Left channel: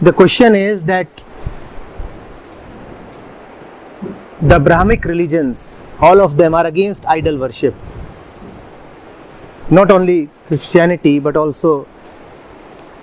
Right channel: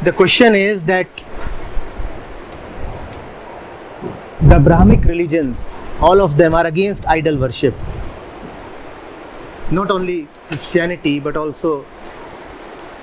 The question is that the Brahmic religions, all of them are against idol worship. Not only Christianity but also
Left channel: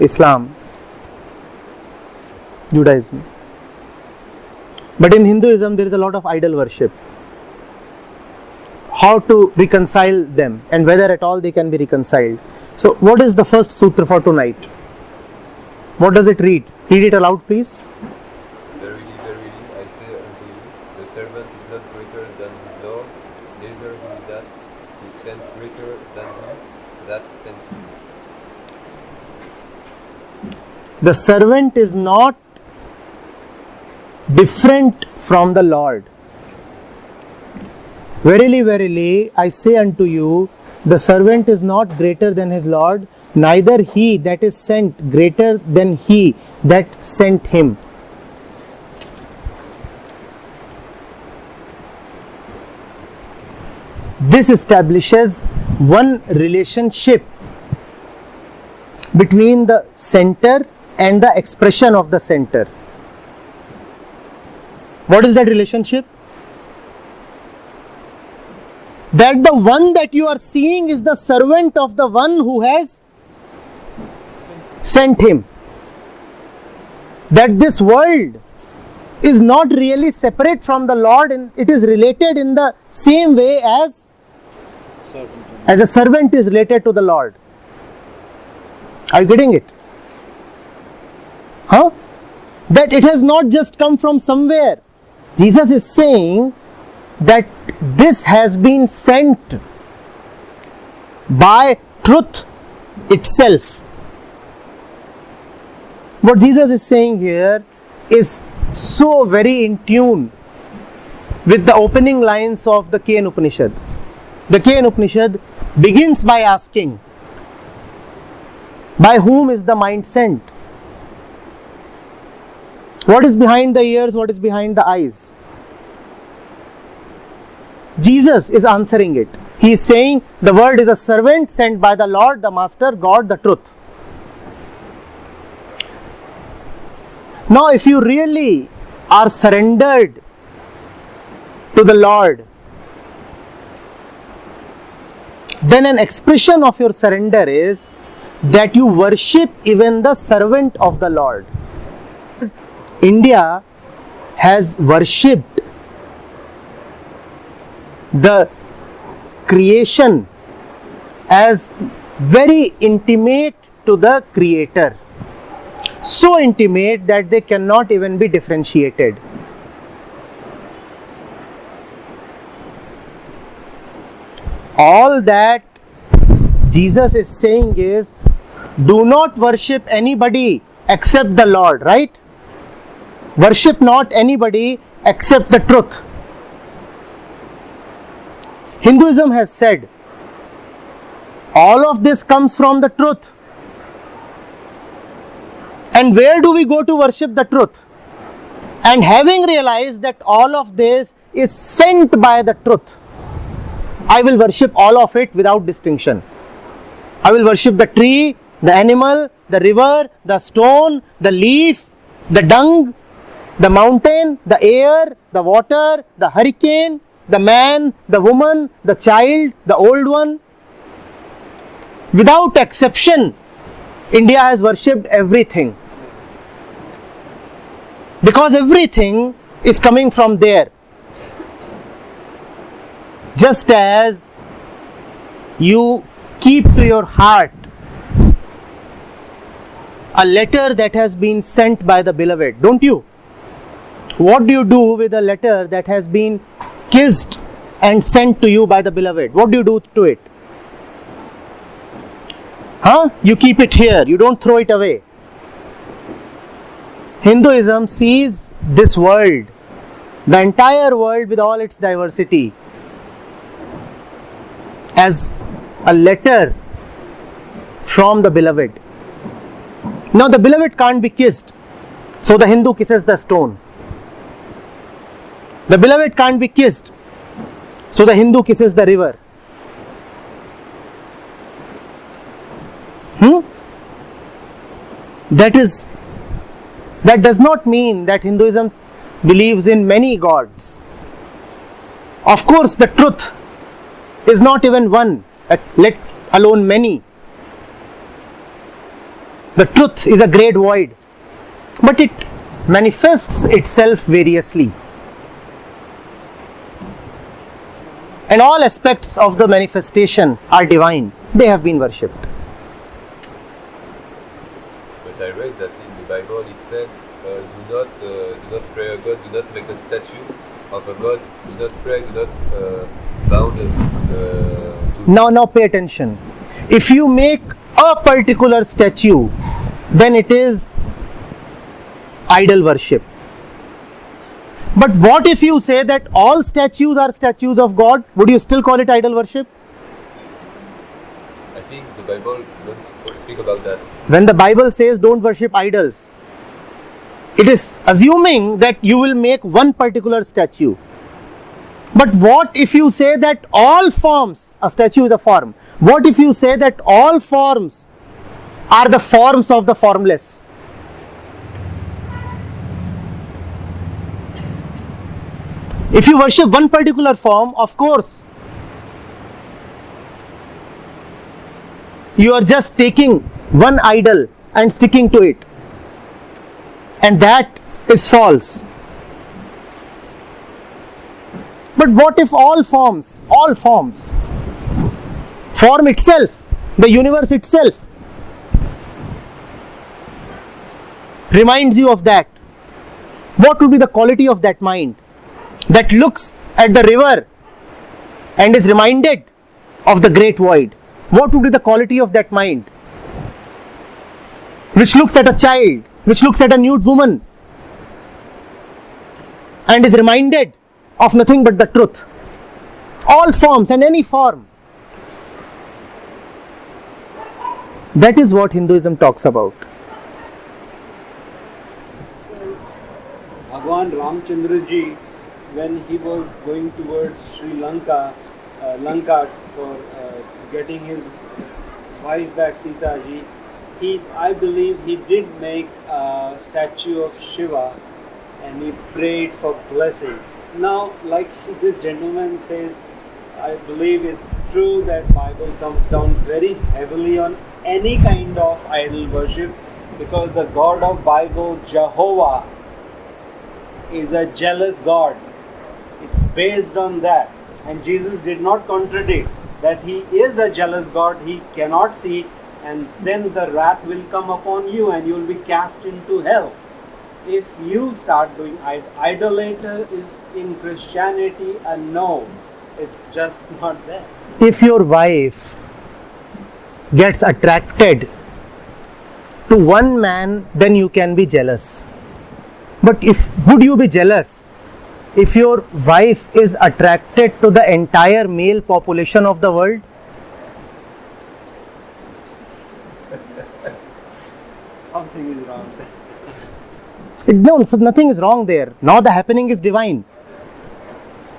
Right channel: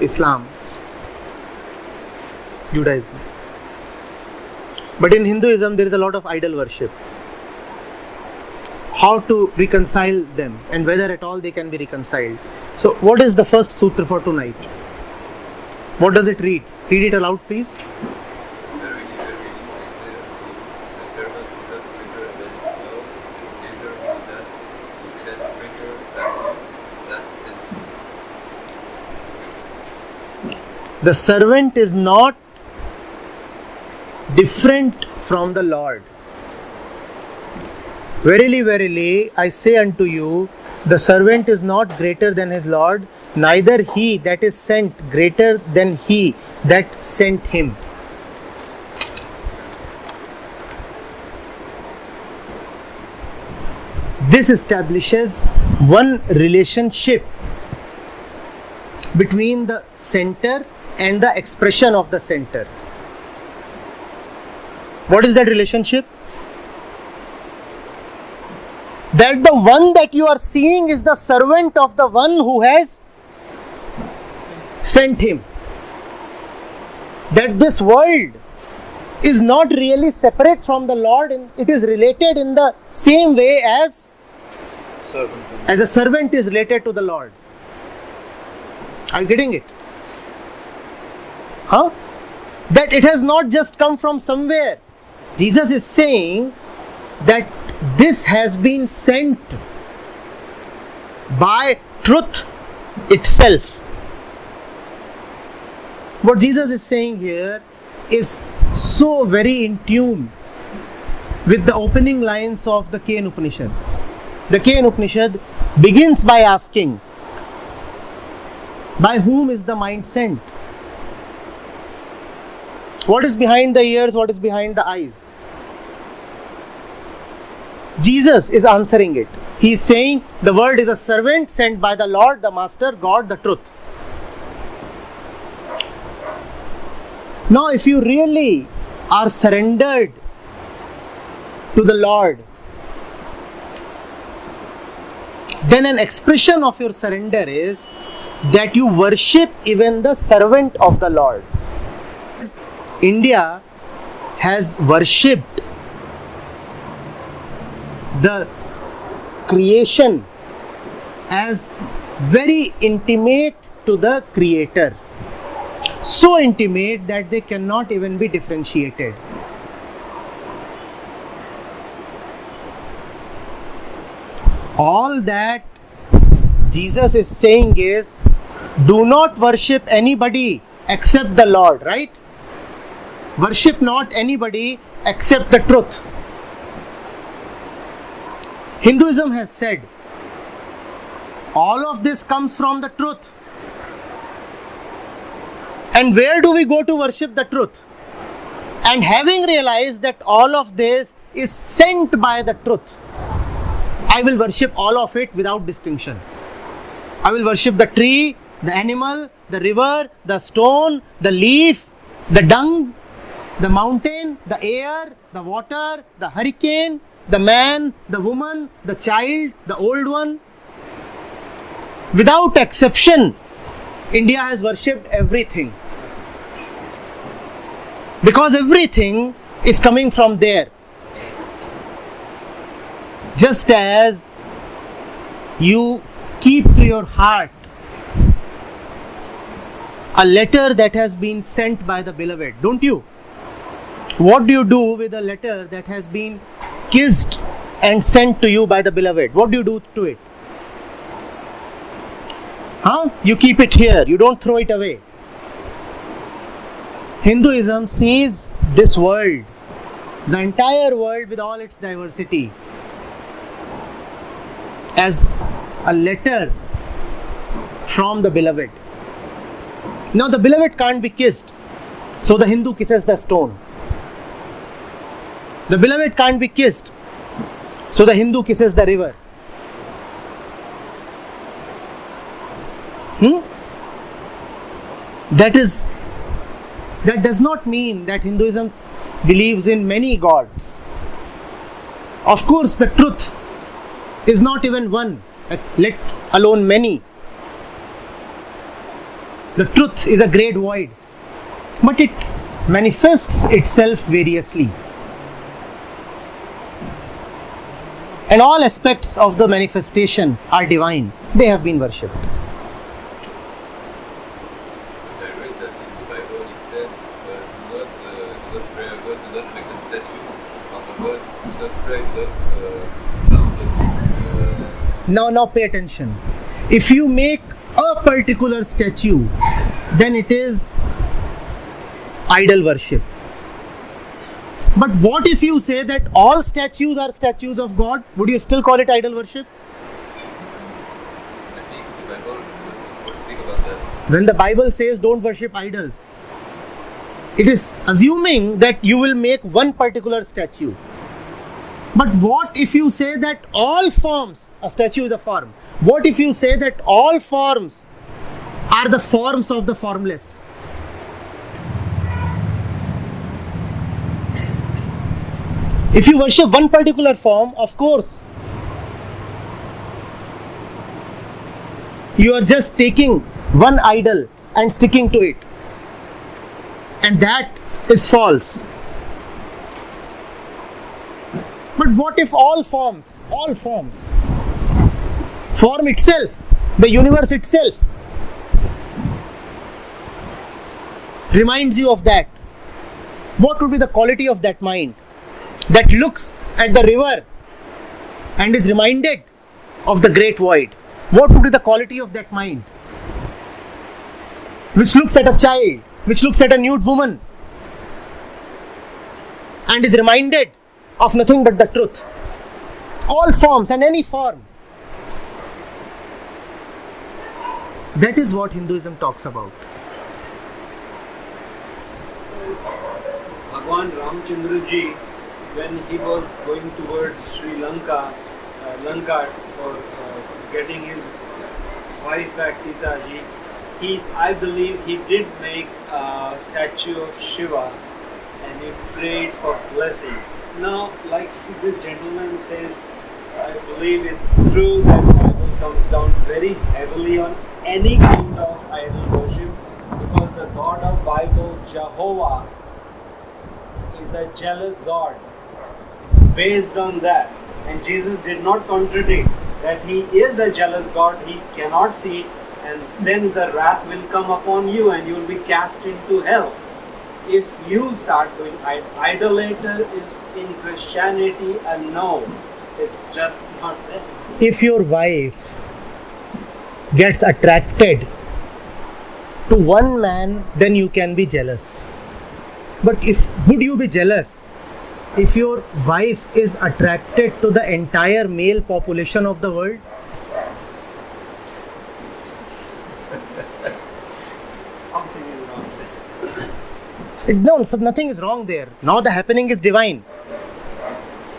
Islam, Judaism. But in Hinduism there is a lot of idol worship. How to reconcile them and whether at all they can be reconciled. So what is the first sutra for tonight? What does it read? Read it aloud, please. Verily, verily, I say unto you, the servant is not greater than his Lord, neither he that is sent greater than he that sent him. The servant is not different from the Lord. Verily, verily, I say unto you, the servant is not greater than his Lord, neither he that is sent greater than he that sent him. This establishes one relationship between the center and the expression of the center. What is that relationship? That the one that you are seeing is the servant of the one who has sent him. That this world is not really separate from the Lord, and it is related in the same way as a servant is related to the Lord. Are you getting it? Huh? That it has not just come from somewhere. Jesus is saying that this has been sent by truth itself. What Jesus is saying here is so very in tune with the opening lines of the Ken Upanishad. The Ken Upanishad begins by asking, by whom is the mind sent? What is behind the ears? What is behind the eyes? Jesus is answering it. He is saying the word is a servant sent by the Lord, the Master, God, the truth. Now, if you really are surrendered to the Lord, then an expression of your surrender is that you worship even the servant of the Lord. India has worshipped the creation as very intimate to the Creator. So intimate that they cannot even be differentiated. All that Jesus is saying is, do not worship anybody except the Lord, right? Worship not anybody except the truth. Hinduism has said, all of this comes from the truth. And where do we go to worship the truth? And having realized that all of this is sent by the truth, I will worship all of it without distinction. I will worship the tree, the animal, the river, the stone, the leaf, the dung, the mountain, the air, the water, the hurricane, the man, the woman, the child, the old one. Without exception, India has worshipped everything. Because everything is coming from there. Just as you keep to your heart a letter that has been sent by the beloved, don't you? What do you do with a letter that has been kissed and sent to you by the beloved? What do you do to it? You keep it here, you don't throw it away. Hinduism sees this world, the entire world with all its diversity, as a letter from the beloved. Now the beloved can't be kissed, so the Hindu kisses the stone. The beloved can't be kissed, so the Hindu kisses the river. That is That does not mean that Hinduism believes in many gods. Of course, the truth is not even one, let alone many. The truth is a great void, but it manifests itself variously. And all aspects of the manifestation are divine. They have been worshipped. But I read that in the Bible it said, do not pray a God, do not make a statue of a God, do not pray, do not bound Now pay attention. If you make a particular statue, then it is idol worship. But what if you say that all statues are statues of God? Would you still call it idol worship? I think the Bible doesn't speak about that. When the Bible says don't worship idols, it is assuming that you will make one particular statue. But what if you say that all forms, a statue is a form, what if you say that all forms are the forms of the formless? If you worship one particular form, of course, you are just taking one idol and sticking to it. And that is false. But what if all forms, form itself, the universe itself, reminds you of that? What would be the quality of that mind that looks at the river and is reminded of the great void? What would be the quality of that mind which looks at a child, which looks at a nude woman and is reminded of nothing but the truth? All forms and any form. That is what Hinduism talks about. So, Bhagwan Ramchandra ji, when he was going towards Sri Lanka, for getting his wife back, Sita ji, I believe he did make a statue of Shiva and he prayed for blessing. Now, like this gentleman says, I believe it's true that Bible comes down very heavily on any kind of idol worship, because the God of Bible, Jehovah, is a jealous God. It's based on that. And Jesus did not contradict that he is a jealous God, he cannot see, and then the wrath will come upon you and you will be cast into hell. If you start doing idolater is in Christianity a no, it's just not there. If your wife gets attracted to one man, then you can be jealous. But would you be jealous if your wife is attracted to the entire male population of the world? Something is wrong. No, so nothing is wrong there. Now the happening is divine.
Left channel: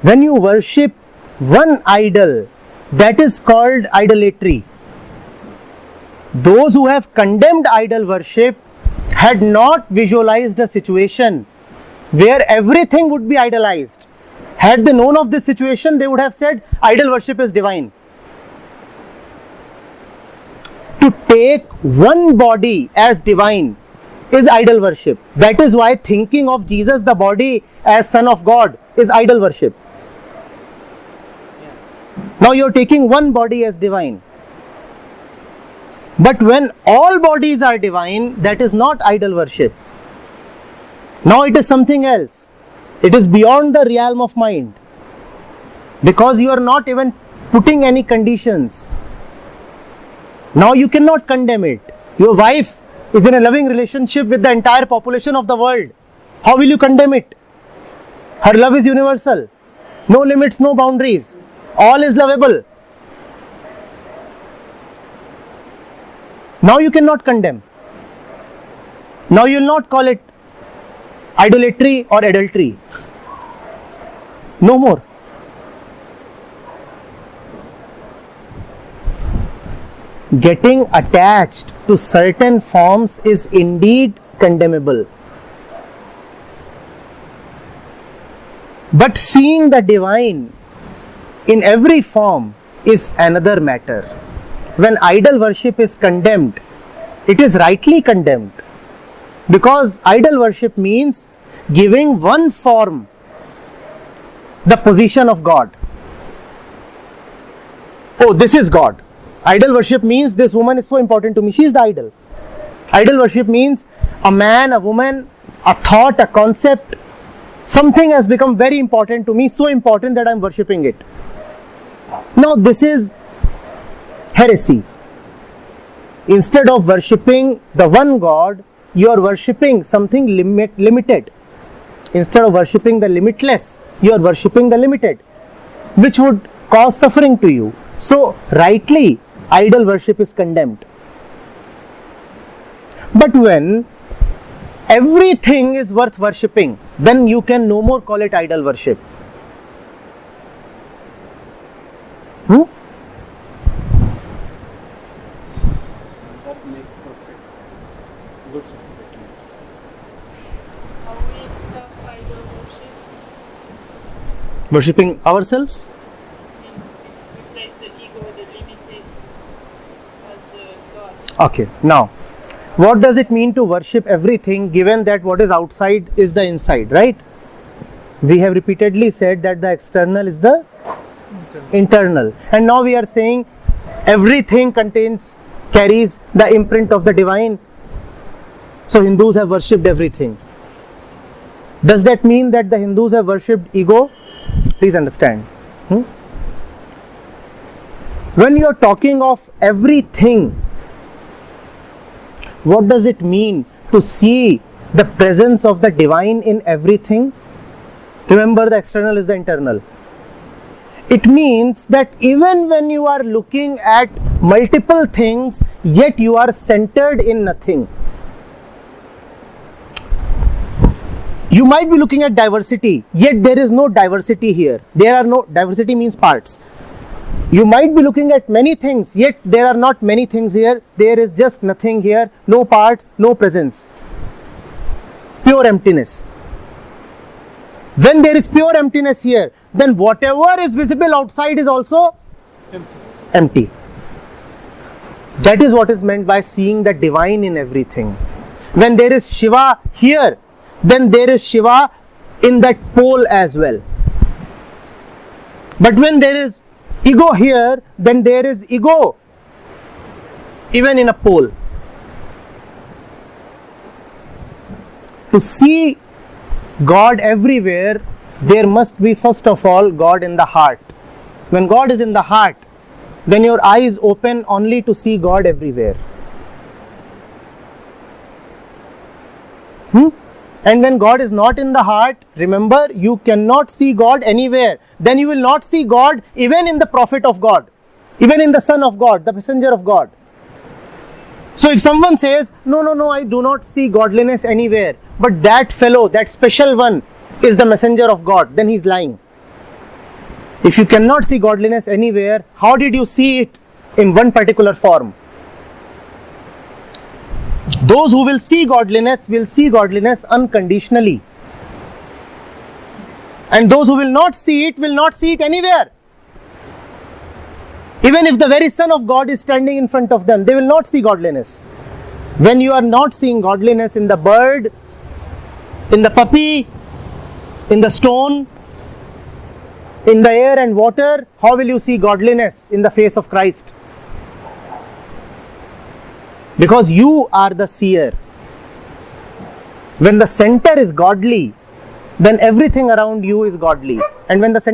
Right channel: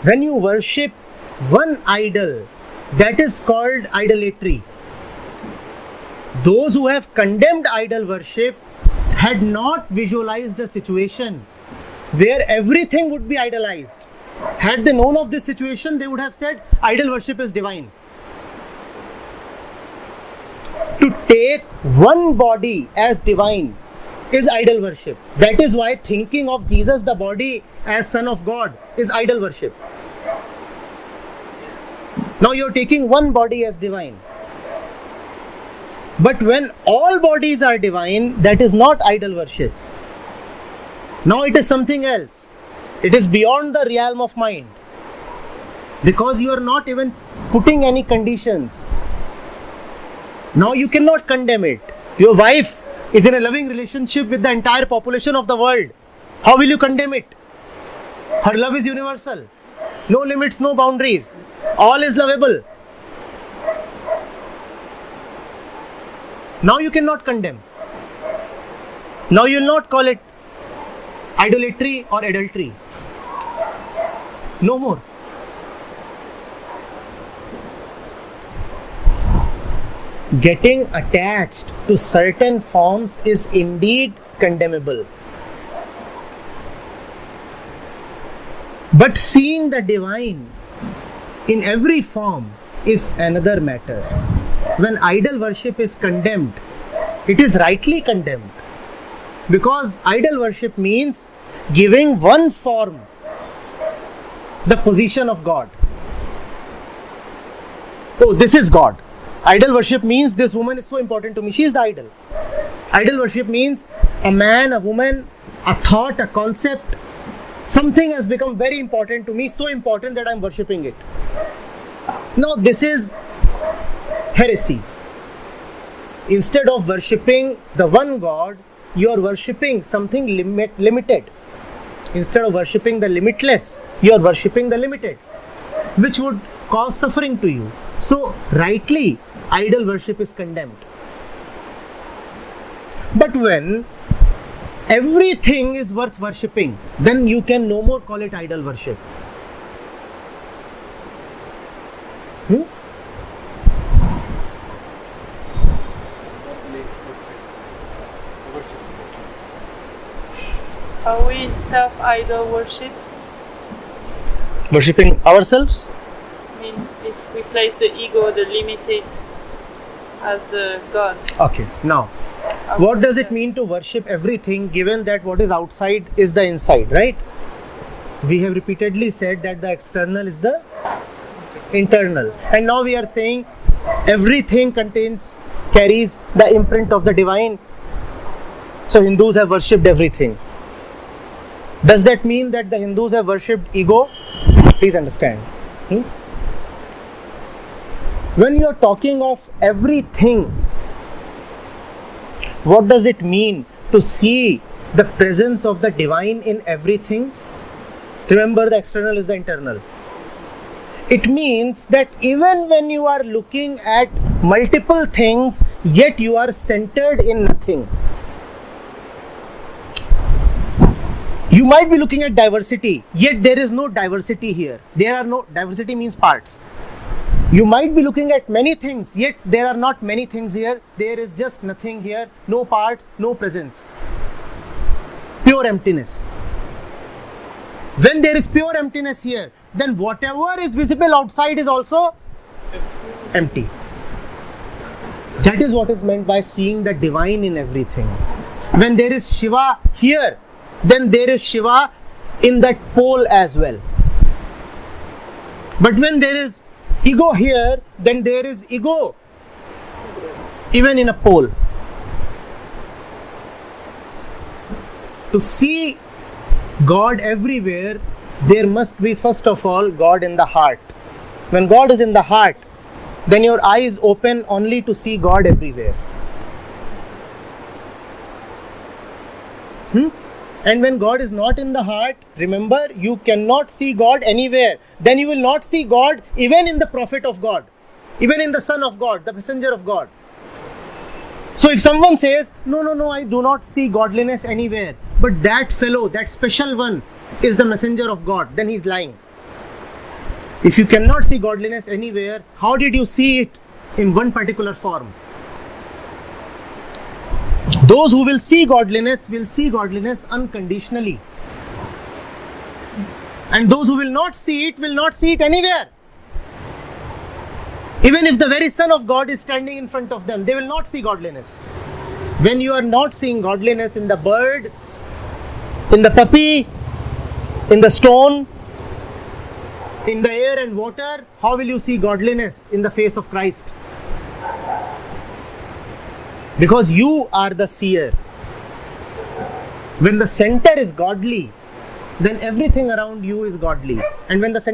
When you worship one idol, that is called idolatry. Those who have condemned idol worship had not visualized a situation where everything would be idolized. Had they known of this situation, they would have said idol worship is divine. To take one body as divine is idol worship. That is why thinking of Jesus, the body, as Son of God is idol worship. Now you are taking one body as divine. But when all bodies are divine, that is not idol worship. Now it is something else. It is beyond the realm of mind. Because you are not even putting any conditions. Now you cannot condemn it. Your wife is in a loving relationship with the entire population of the world. How will you condemn it? Her love is universal. No limits, no boundaries. All is lovable. Now you cannot condemn. Now you will not call it idolatry or adultery. No more. Getting attached to certain forms is indeed condemnable. But seeing the divine in every form is another matter. When idol worship is condemned, it is rightly condemned, because idol worship means giving one form the position of God. Oh, this is God. Idol worship means this woman is so important to me, she is the idol. Idol worship means a man, a woman, a thought, a concept, something has become very important to me, so important that I am worshipping it. Now this is heresy. Instead of worshipping the one God, you are worshipping something limited. Instead of worshipping the limitless, you are worshipping the limited, which would cause suffering to you. So rightly, idol worship is condemned. But when everything is worth worshipping, then you can no more call it idol worship. That makes perfect sense. Good sense, at least. Are we self-idol worship? Worshipping ourselves? I mean, if we place the ego, the limited, as the God. Okay, now, what does it mean to worship everything, given that what is outside is the inside, right? We have repeatedly said that the external is the internal. And now we are saying everything carries the imprint of the divine. So Hindus have worshipped everything. Does that mean that the Hindus have worshipped ego? Please understand. When you are talking of everything, what does it mean to see the presence of the divine in everything? Remember, the external is the internal. It means that even when you are looking at multiple things, yet you are centered in nothing. You might be looking at diversity, yet there is no diversity here. There are no, diversity means parts. You might be looking at many things, yet there are not many things here. There is just nothing here, no parts, no presence. Pure emptiness. When there is pure emptiness here, then whatever is visible outside is also empty. That is what is meant by seeing the divine in everything. When there is Shiva here, then there is Shiva in that pole as well. But when there is ego here, then there is ego even in a pole. To see God everywhere, there must be first of all God in the heart. When God is in the heart, then your eyes open only to see God everywhere. And when God is not in the heart, remember, you cannot see God anywhere. Then you will not see God even in the prophet of God, even in the Son of God, the messenger of God. So if someone says, no, I do not see godliness anywhere, but that fellow, that special one is the messenger of God, then he is lying. If you cannot see godliness anywhere, how did you see it in one particular form? Those who will see godliness unconditionally. And those who will not see it anywhere. Even if the very Son of God is standing in front of them, they will not see godliness. When you are not seeing godliness in the bird, in the puppy, in the stone, in the air and water, how will you see godliness in the face of Christ? Because you are the seer. When the center is godly, then everything around you is godly. And when the center